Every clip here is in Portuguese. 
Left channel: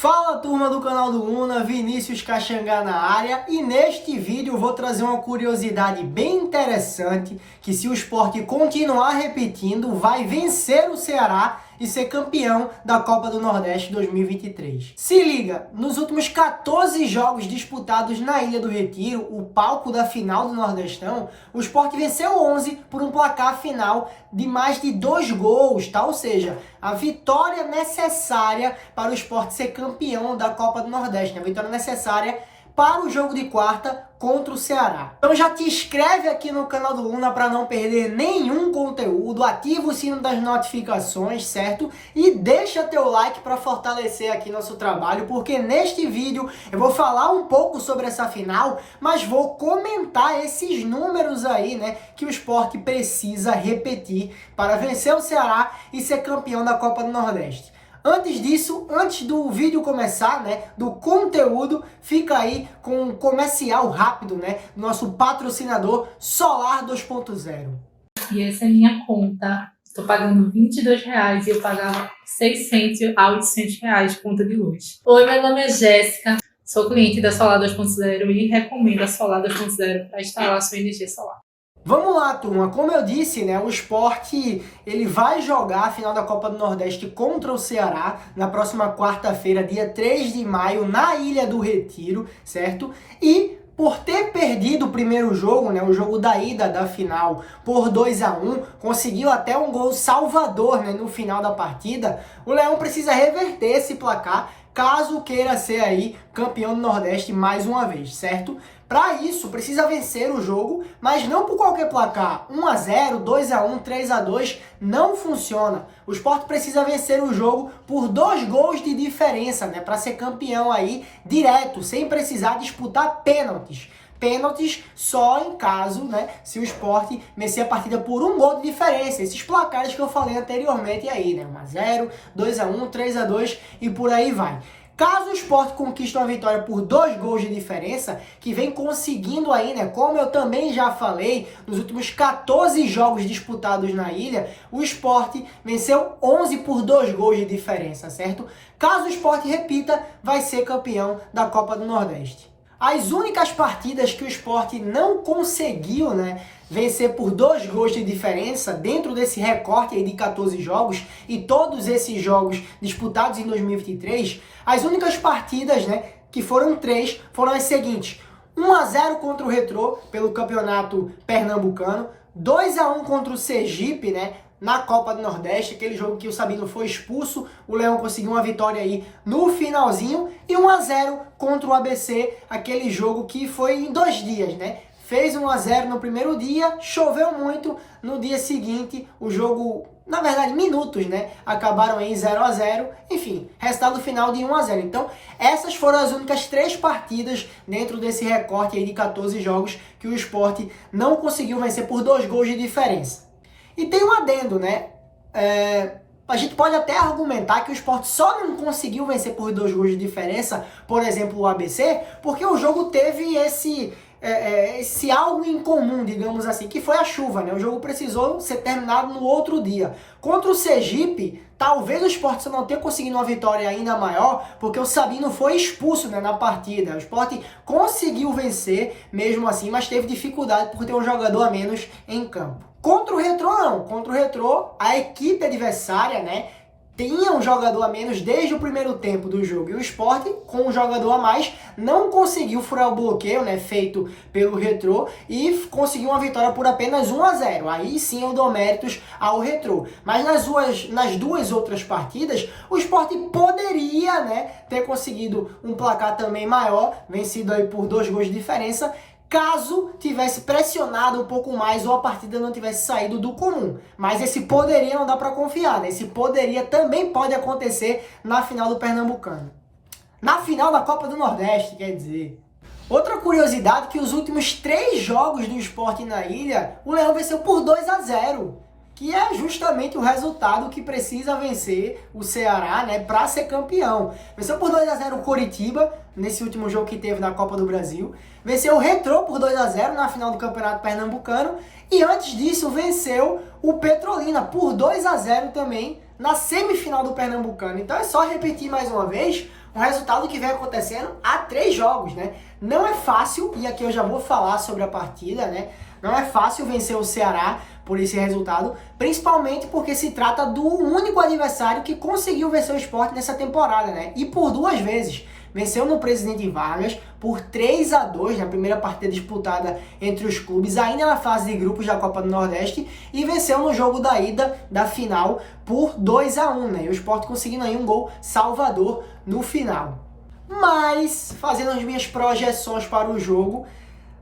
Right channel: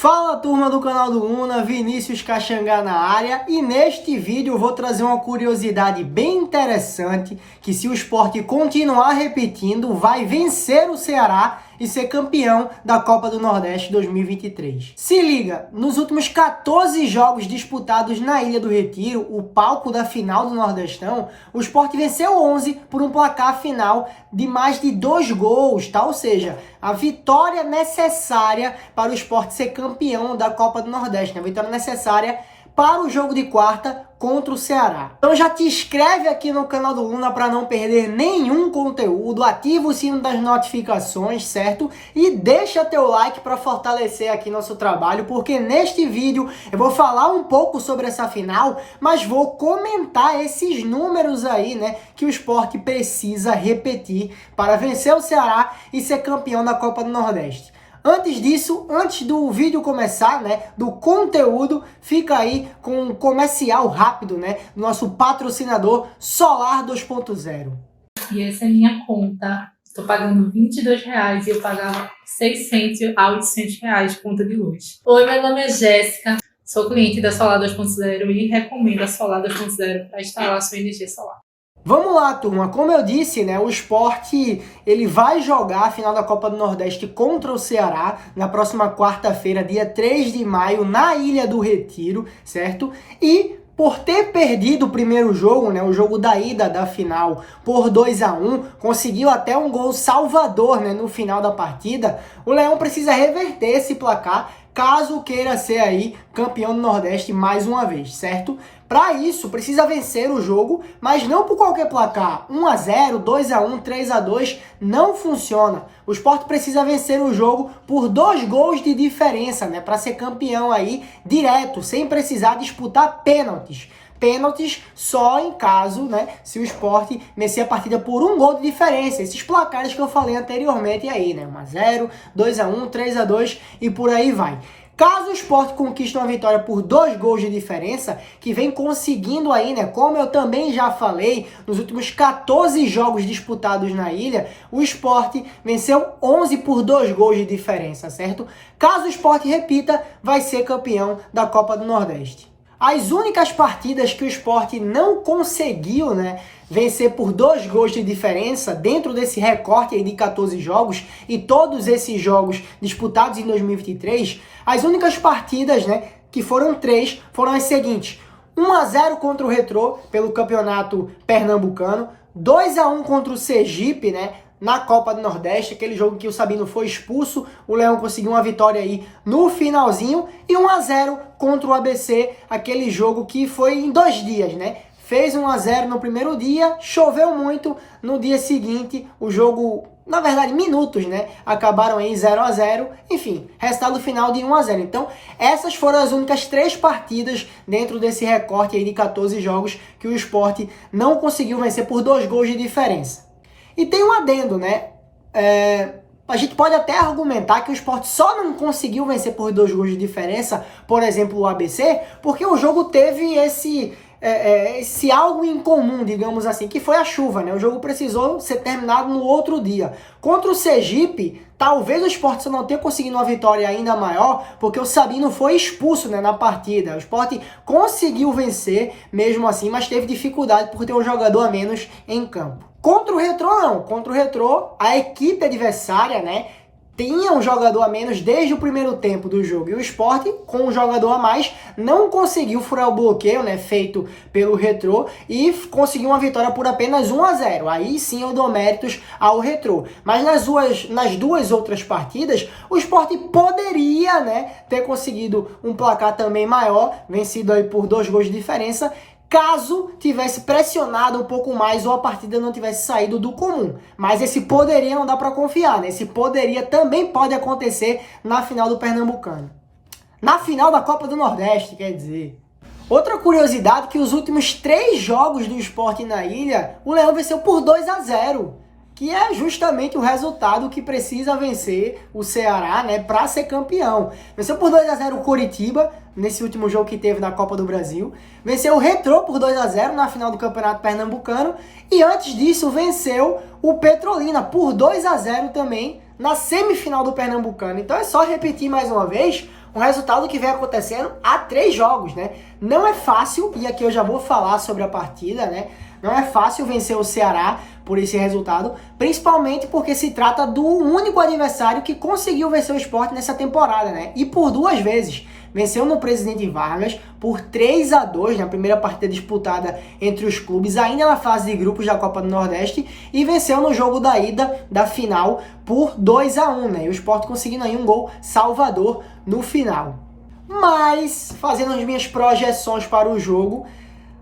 Fala turma do canal do Luna, Vinícius Caxangá na área, e neste vídeo eu vou trazer uma curiosidade bem interessante, que se o Sport continuar repetindo, vai vencer o Ceará e ser campeão da Copa do Nordeste 2023. Se liga, nos últimos 14 jogos disputados na Ilha do Retiro, o palco da final do Nordestão, o Sport venceu 11 por um placar final de mais de 2 gols, tá? Ou seja, a vitória necessária para o Sport ser campeão da Copa do Nordeste, a vitória necessária para o jogo de quarta contra o Ceará. Então já te inscreve aqui no canal do Luna para não perder nenhum conteúdo, ativa o sino das notificações, certo? E deixa teu like para fortalecer aqui nosso trabalho, porque neste vídeo eu vou falar um pouco sobre essa final, mas vou comentar esses números aí, né, que o Sport precisa repetir para vencer o Ceará e ser campeão da Copa do Nordeste. Antes disso, antes do vídeo começar, né, do conteúdo, fica aí com um comercial rápido, né, do nosso patrocinador Solar 2.0. E essa é minha conta. Estou pagando R$22 e eu pagava 600 a 800 reais de conta de luz. Oi, meu nome é Jéssica, sou cliente da Solar 2.0 e recomendo a Solar 2.0 para instalar sua energia solar. Vamos lá, turma. Como eu disse, né, o Sport ele vai jogar a final da Copa do Nordeste contra o Ceará na próxima quarta-feira, dia 3 de maio, na Ilha do Retiro, certo? E por ter perdido o primeiro jogo, né, o jogo da ida da final, por 2-1, conseguiu até um gol salvador, né, no final da partida, o Leão precisa reverter esse placar caso queira ser aí campeão do Nordeste mais uma vez, certo? Para isso, precisa vencer o jogo, mas não por qualquer placar. 1-0, 2-1, 3-2, não funciona. O Sport precisa vencer o jogo por 2 gols de diferença, né? Para ser campeão aí direto, sem precisar disputar pênaltis. Pênaltis só em caso, né, se o Sport vencer a partida por 1 gol de diferença. Esses placares que eu falei anteriormente aí, né? 1-0, 2-1, 3-2 e por aí vai. Caso o Sport conquiste uma vitória por 2 gols de diferença, que vem conseguindo aí, né, como eu também já falei, nos últimos 14 jogos disputados na ilha, o Sport venceu 11 por 2 gols de diferença, certo? Caso o Sport repita, vai ser campeão da Copa do Nordeste. As únicas partidas que o Sport não conseguiu, né, vencer por 2 gols de diferença dentro desse recorte aí de 14 jogos e todos esses jogos disputados em 2023, as únicas partidas, né, que foram 3, foram as seguintes: 1-0 contra o Retrô pelo Campeonato Pernambucano, 2-1 contra o Sergipe, né, na Copa do Nordeste, aquele jogo que o Sabino foi expulso, o Leão conseguiu uma vitória aí no finalzinho, e 1-0 contra o ABC, aquele jogo que foi em 2 dias, né? Fez 1-0 no primeiro dia, choveu muito, no dia seguinte o jogo, na verdade minutos, né, acabaram em 0-0, enfim, resultado final de 1-0. Então essas foram as únicas 3 partidas dentro desse recorte aí de 14 jogos que o Sport não conseguiu vencer por 2 gols de diferença. E tem um adendo, né? A gente pode até argumentar que o Sport só não conseguiu vencer por 2 gols de diferença, por exemplo, o ABC, porque o jogo teve esse algo em comum, digamos assim, que foi a chuva, né? O jogo precisou ser terminado no outro dia. Contra o Sergipe, talvez o Sport só não tenha conseguido uma vitória ainda maior, porque o Sabino foi expulso, né, na partida. O Sport conseguiu vencer mesmo assim, mas teve dificuldade por ter um jogador a menos em campo. Contra o Retrô, não. Contra o Retrô, a equipe adversária, né, tinha um jogador a menos desde o primeiro tempo do jogo. E o Sport, com um jogador a mais, não conseguiu furar o bloqueio, né, feito pelo Retrô, e conseguiu uma vitória por apenas 1-0. Aí sim eu dou méritos ao Retrô. Mas nas duas outras partidas, o Sport poderia, né, ter conseguido um placar também maior, vencido aí por 2 gols de diferença, caso tivesse pressionado um pouco mais ou a partida não tivesse saído do comum. Mas esse poderia não dá para confiar, né? Esse poderia também pode acontecer na final do Pernambucano. Na final da Copa do Nordeste, quer dizer. Outra curiosidade, que os últimos 3 jogos do Sport na ilha, o Leão venceu por 2-0. Que é justamente o resultado que precisa vencer o Ceará, né, para ser campeão. Venceu por 2-0 o Coritiba, nesse último jogo que teve na Copa do Brasil. Venceu o Retrô por 2-0 na final do Campeonato Pernambucano. E antes disso, venceu o Petrolina por 2-0 também na semifinal do Pernambucano. Então é só repetir mais uma vez, Um resultado que vem acontecendo há 3 jogos, né? Não é fácil, e aqui eu já vou falar sobre a partida, né? Não é fácil vencer o Ceará por esse resultado, principalmente porque se trata do único adversário que conseguiu vencer o Sport nessa temporada, né? E por 2 vezes. Venceu no Presidente Vargas por 3-2 na primeira partida disputada entre os clubes, ainda na fase de grupos da Copa do Nordeste, e venceu no jogo da ida da final por 2-1, né? E o Sport conseguindo aí um gol salvador no final. Mas, fazendo as minhas projeções para o jogo,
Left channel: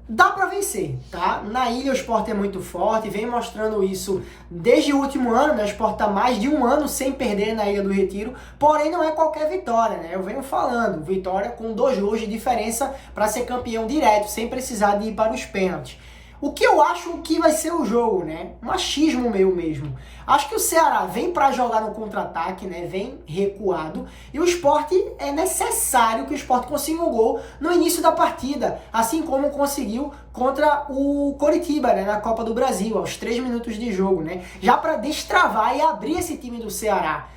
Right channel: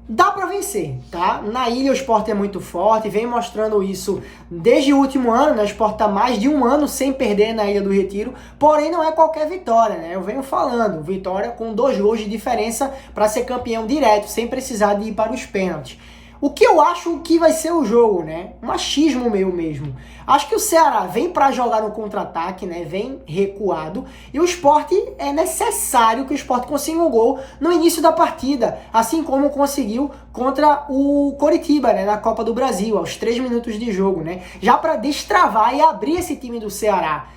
dá para vencer, tá? Na ilha o Sport é muito forte, vem mostrando isso desde o último ano, né? O Sport tá mais de 1 ano sem perder na Ilha do Retiro, porém não é qualquer vitória, né? Eu venho falando, vitória com 2 gols de diferença para ser campeão direto, sem precisar de ir para os pênaltis. O que eu acho que vai ser o jogo, né? Um achismo meu mesmo. Acho que o Ceará vem para jogar no contra-ataque, né? Vem recuado. E o Sport, é necessário que o Sport consiga um gol no início da partida. Assim como conseguiu contra o Coritiba, né? Na Copa do Brasil, aos 3 minutos de jogo, né? Já para destravar e abrir esse time do Ceará,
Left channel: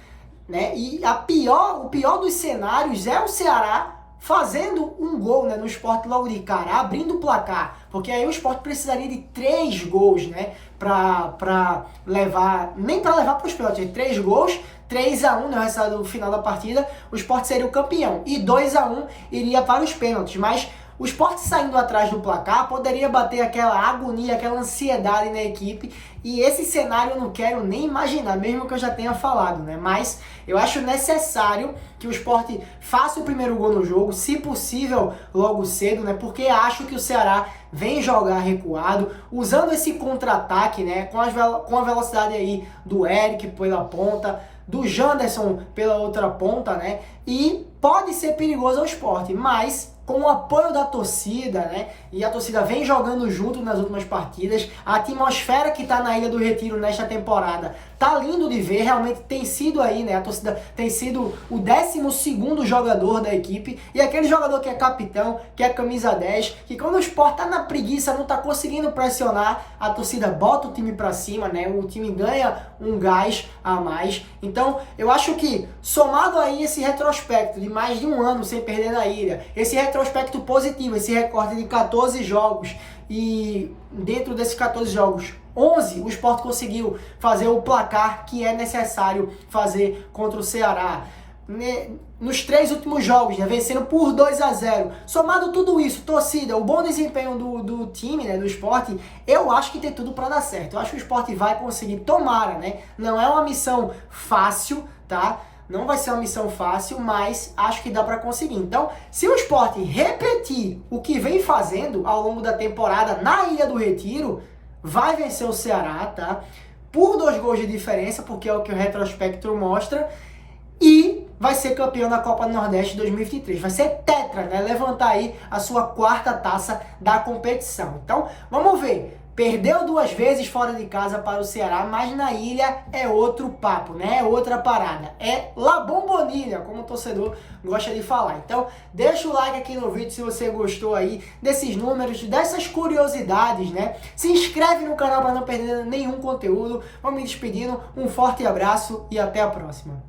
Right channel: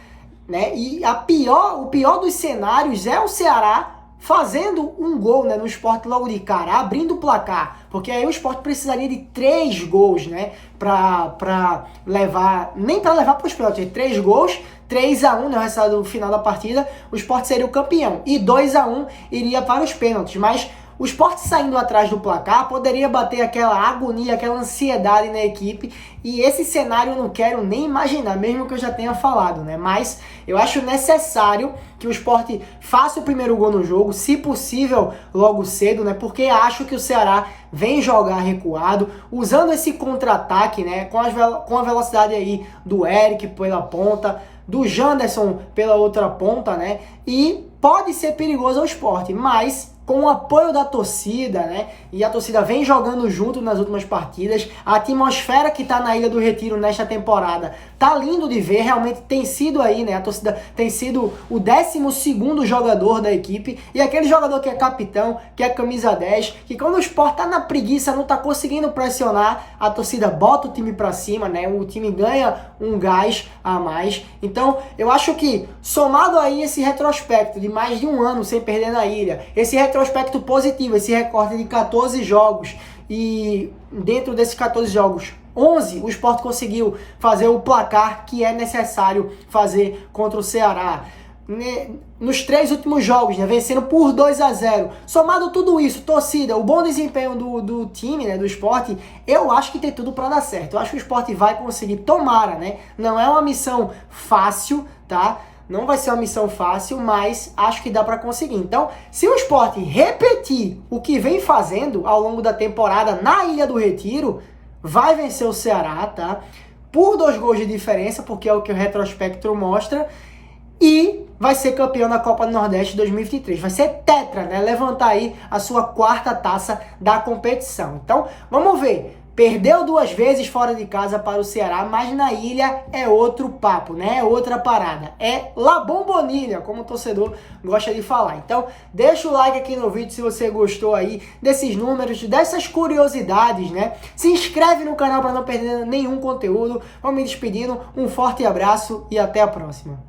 né? E o pior dos cenários é o Ceará fazendo um gol, né, no Sport logo de cara, abrindo o placar, porque aí o Sport precisaria de 3 gols, né, pra levar, nem para levar para os pênaltis, 3 gols, 3-1 no resultado do final da partida, o Sport seria o campeão, e 2-1 iria para os pênaltis, mas o Sport saindo atrás do placar poderia bater aquela agonia, aquela ansiedade na equipe, e esse cenário eu não quero nem imaginar, mesmo que eu já tenha falado, né? Mas eu acho necessário que o Sport faça o primeiro gol no jogo, se possível logo cedo, né? Porque acho que o Ceará vem jogar recuado, usando esse contra-ataque, né? Com a velocidade aí do Eric pela ponta, do Janderson pela outra ponta, né? E pode ser perigoso ao Sport, mas com o apoio da torcida, né? E a torcida vem jogando junto nas últimas partidas. A atmosfera que tá na Ilha do Retiro nesta temporada tá lindo de ver. Realmente tem sido aí, né? A torcida tem sido o 12º jogador da equipe. E aquele jogador que é capitão, que é camisa 10, que quando o Sport tá na preguiça, não tá conseguindo pressionar, a torcida bota o time pra cima, né? O time ganha um gás a mais. Então, eu acho que, somado aí esse retrospecto de mais de 1 ano sem perder na ilha, esse retrospecto positivo, esse recorte de 14 jogos, e dentro desses 14 jogos, 11 o Sport conseguiu fazer o placar que é necessário fazer contra o Ceará. Nos 3 últimos jogos, né, vencendo por 2-0. Somado tudo isso, torcida, o bom desempenho do time, né, do Sport, eu acho que tem tudo para dar certo. Eu acho que o Sport vai conseguir, tomara, né? Não é uma missão fácil, tá? Não vai ser uma missão fácil, mas acho que dá para conseguir. Então, se o Sport repetir o que vem fazendo ao longo da temporada na Ilha do Retiro, vai vencer o Ceará, tá? Por 2 gols de diferença, porque é o que o retrospecto mostra, e vai ser campeão da Copa do Nordeste 2023. Vai ser tetra, né? Levantar aí a sua 4ª taça da competição. Então, vamos ver. Perdeu 2 vezes fora de casa para o Ceará, mas na ilha é outro papo, né? É outra parada. É La Bombonilha, como o torcedor gosta de falar. Então, deixa o like aqui no vídeo se você gostou aí desses números, dessas curiosidades, né? Se inscreve no canal para não perder nenhum conteúdo. Vamos me despedindo. Um forte abraço e até a próxima.